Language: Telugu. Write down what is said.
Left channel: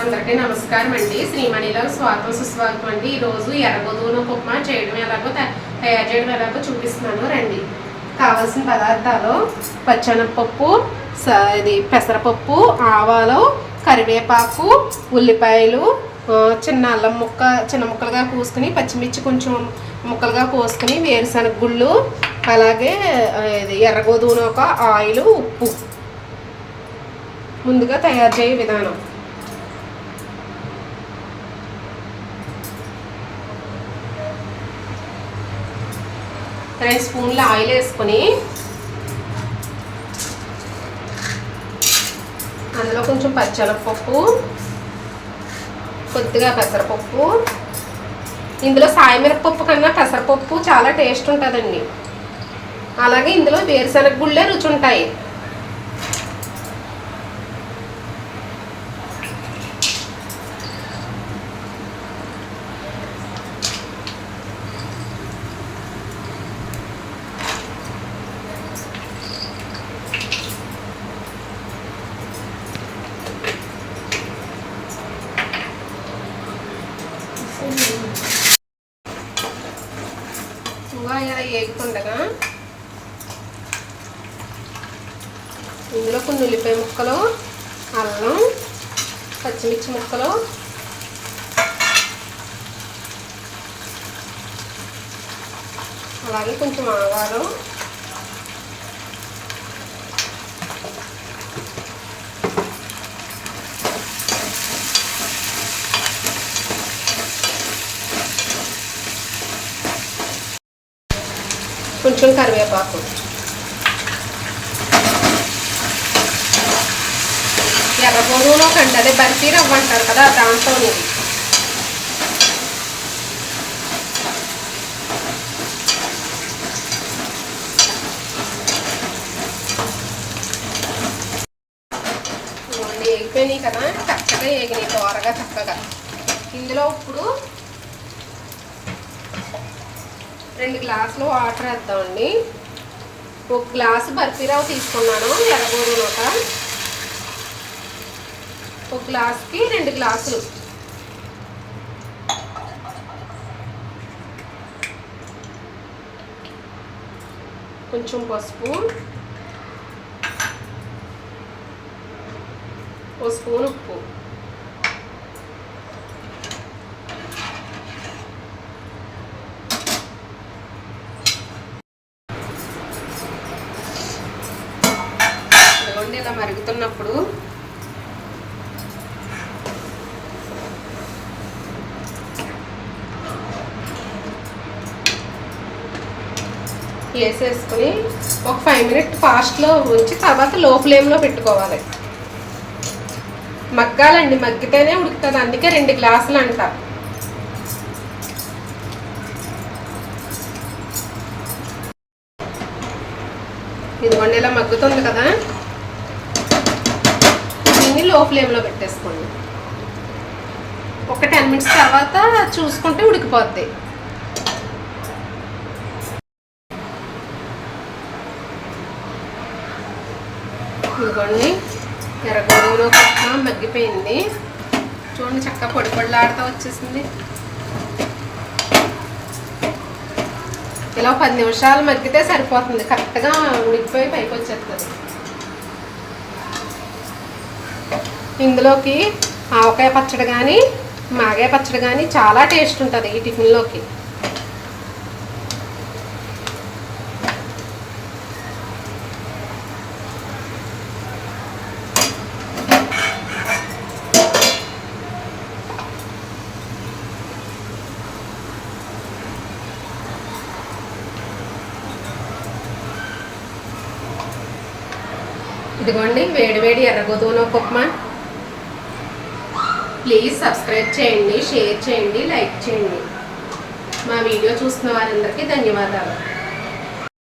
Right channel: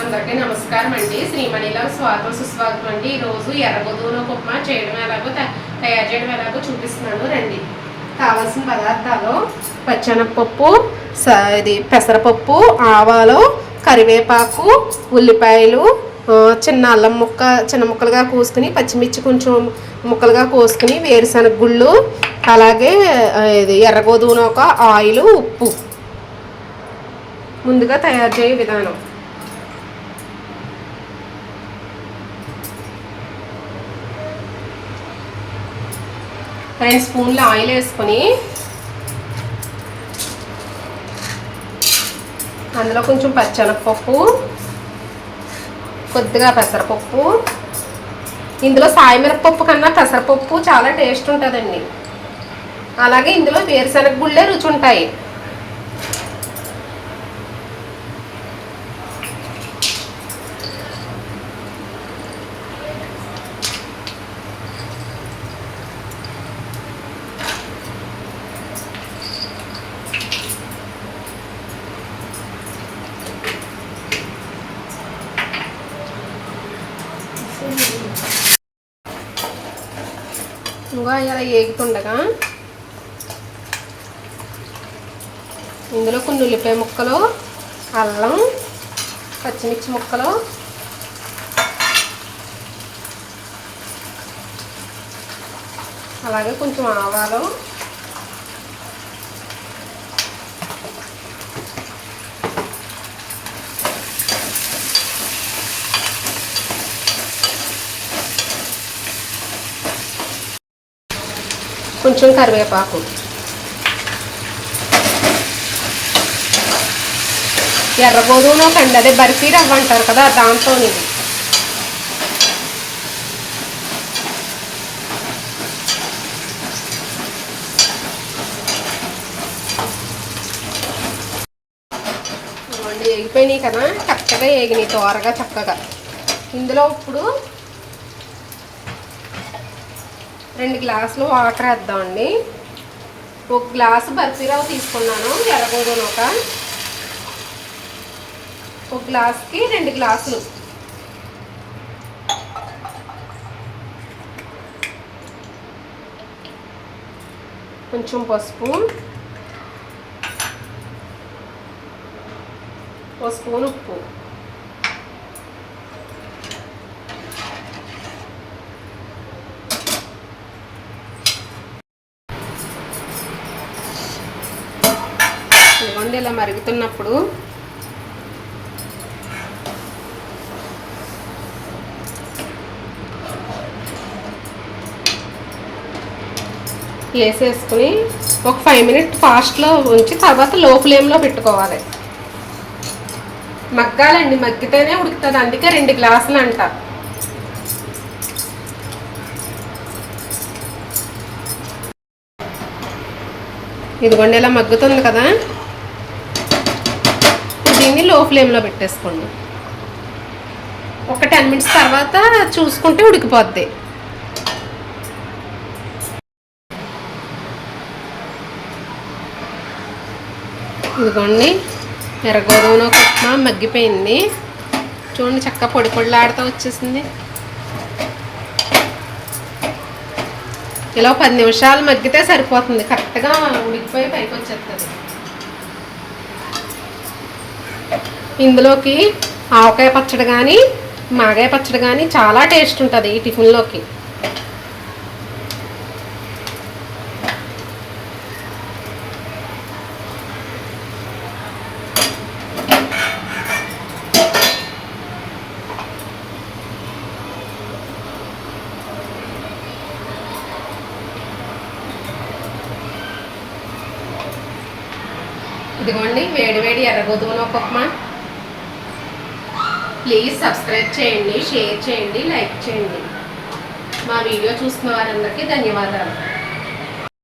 అందరికీ నమస్కారం అండి. శ్రీమణిలో స్వాగతం సుస్వాగతం అండి. ఈరోజు ఎర్రగోధుమ ఉప్మా చేయడం ఎలాగో తయారు చేయడం ఎలాగో చూపిస్తున్నాను. రండి. కావాల్సిన పదార్థాలు పచ్చెనగపప్పు స- ఇది పెసరపప్పు ఆవాలు కరివేపాకు ఉల్లిపాయలు చిన్న అల్లం ముక్క చిన్న ముక్కలుగా కోసుకుని పచ్చిమిర్చి కొంచెం ముక్కలుగా కోసుకుని వేరుశనగ గుళ్ళు అలాగే ఇది ఎర్రగోధువును ఒక ఆయిల్ ఉప్పు. ముందుగా తయారు చేయే విధానం. రెండు స్పూన్లు ఆయిల్ వేసుకొని అందులో కొంచెం పచ్చెనగపప్పు కొద్దిగా పెసరపప్పు. ఇందులో సాయమిరపప్పు కన్నా పెసరపప్పు చాలా టేస్ట్ ఉంటుందండి. అలాగే ఇందులో వేరుశనగ గుళ్ళే రుచి ఉంటాయి. ఇంకా ఇలా ఏగుతుండగా ఇందులో కొన్ని ఉల్లిపాయ ముక్కలు అల్లం పచ్చిమిర్చి ముక్కలు అలాగే కొంచెం ఆవాలు కొంచెం కరివేపాకు. ఎర్రగోధుమలు కండి అదే బర్ఫీ రవ్వ అంటారు కదా దాంతో ఇది. ఏగిపోయినాయి కదా చక్కగా ఏగినాయి త్వరగా చక్కగా. ఇందులో ఇప్పుడు రెండు గ్లాసులు వాటర్ వేద్దామండి ఒక గ్లాసు బర్ఫీరావు తీసుకున్నాను ఎర్రగోధుమ నూట. ఒక గ్లాస్కి రెండు గ్లాసులు. కొంచెం పసుపు. ఒక స్పూన్ ఉప్పు. చూడండి ఇలా మరుగుతున్నప్పుడు వేసేసుకుని ఒక ఫైవ్ మినిట్ ఫాస్ట్లో ఉంచి తర్వాత లో ఫ్లేమ్లో పెట్టుకోవాలి. మగ్గాలండి మగ్గితేనే ఉడుకుతుంది. అందుకే రెండు గ్లాసులు అంట. ఇదిగోండి ఇలా మగ్గుతుంది కదా. లో ఫ్లేమ్లో పెట్టేసుకోండి. ఒక టెన్ మినిట్స్ తర్వాత చూసుకుంటే ఉడికిపోద్ది. ఇదిగోండి ఎర్రగోధుమ ఉప్మా మగ్గిపోయింది. చూడండి చక్క పొడి పొడిలాడుతూ వచ్చేసింది. ఇలా పది నిమిషాలు మగ్గితే సరిపోతుంది. కరెక్ట్గా ఉడికిపోయి పైకి వచ్చేస్తుంది ఇందులోకి ఆవకాయ పచ్చడి కానీ మాగాయ పచ్చడి కానీ చాలా టేస్ట్ ఉంటుంది ఈ టిఫిన్లోకి. ఇదిగోండి వేడి వేడి ఎర్రగోధుమ ఉప్మా ప్లీజ్ సబ్స్క్రైబ్ చేయండి షేర్ చేయండి లైక్ చేయండి. మా వీడియో చూస్తున్న వారందరికీ ధన్యవాదాలు.